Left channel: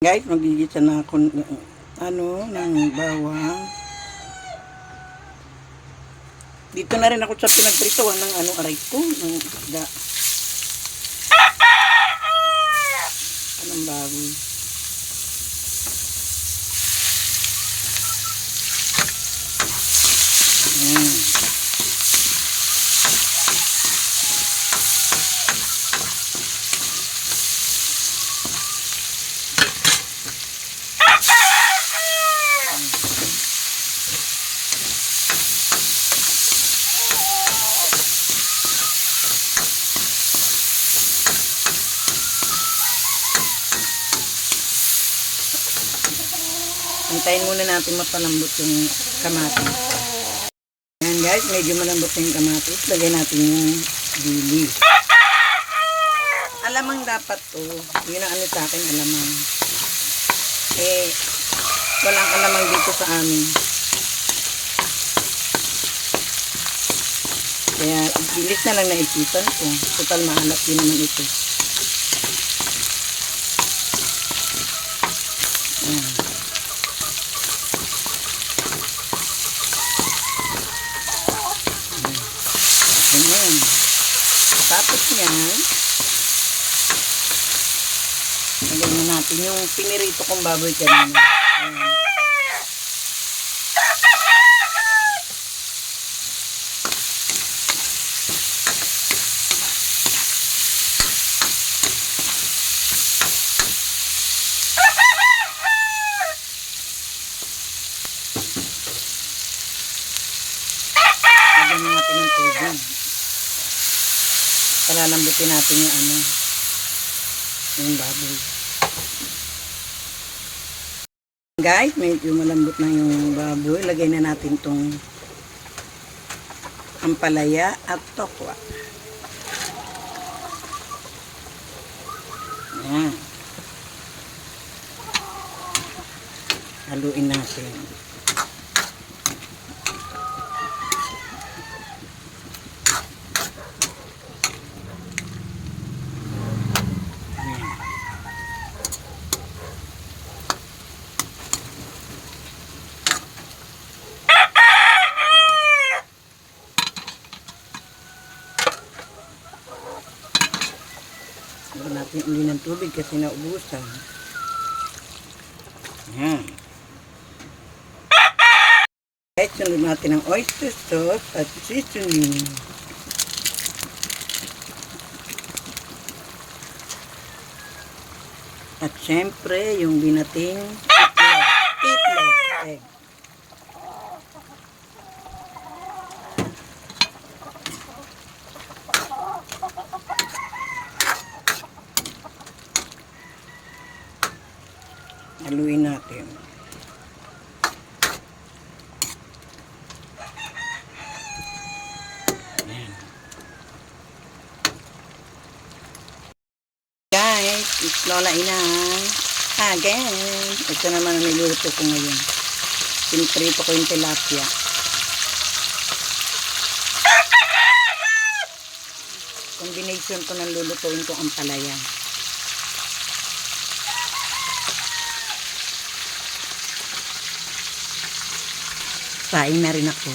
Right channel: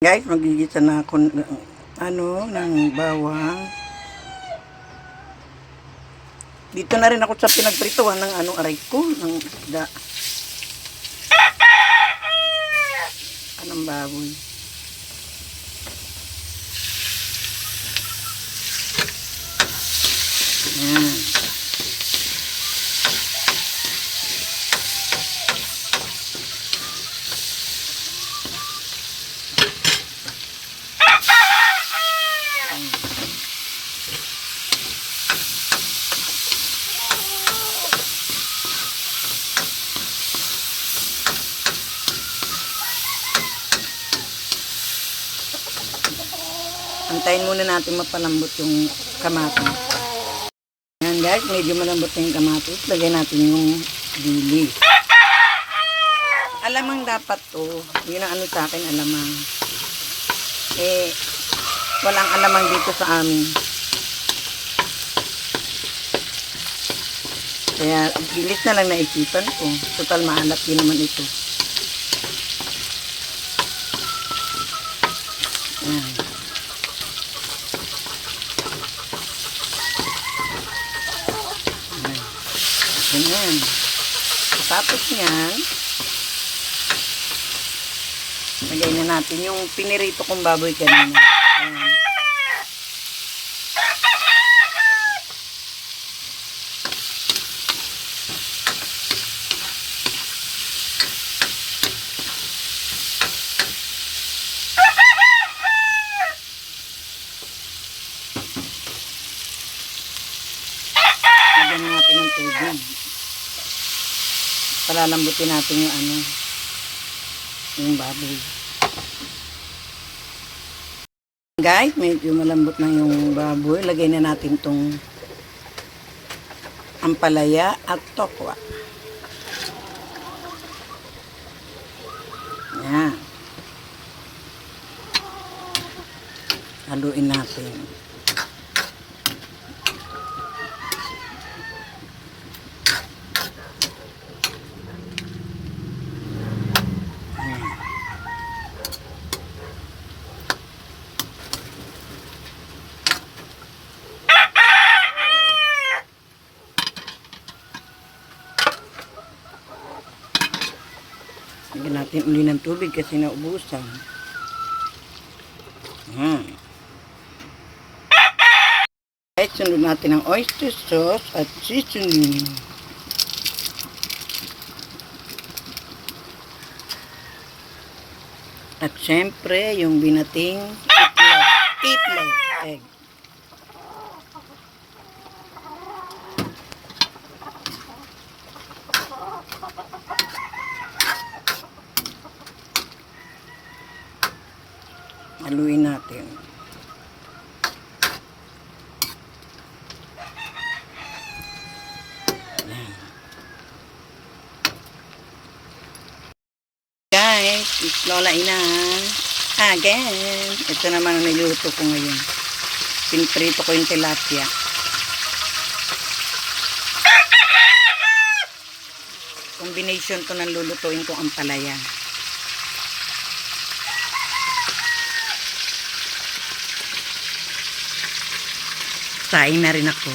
Guys, magigisa na ako ng bawang. Dito na rin ako sa pinagprituhan ng aray ko, ng isda. Anong baboy. Ayan. Antayin muna natin mapalambot yung kamatis. Ayan guys, medyo malambot na yung kamatis. Lagay natin yung dili. Alamang dapat to. Yun ang sa akin, alamang. Walang alamang dito sa amin. Kaya, bilis na lang naisipan ko. Total, mahalap din naman ito. Ayan. Ayan. Tapos niyan, lagay na natin yung pinirito kong baboy kanina. Ayan. Lagyan na natin ng tubig. Palalambutin natin yung baboy. Guys, medyo malambot na yung baboy. Lagay na natin tong ampalaya at tokwa. Ayan. Haluin natin. Lagyan natin uli ng tubig kasi naubusan. Ayan. Guys, sunod natin ang oyster sauce at seasoning. At syempre, yung binating itlog, egg. Haluin natin. Ayan. Guys, it's Lola Ina. Again. Ito naman ang niluto ko ngayon. Pinprito ko yung tilapia. Combination to ng lulutuin ko ang palaya. Saing na rin ako.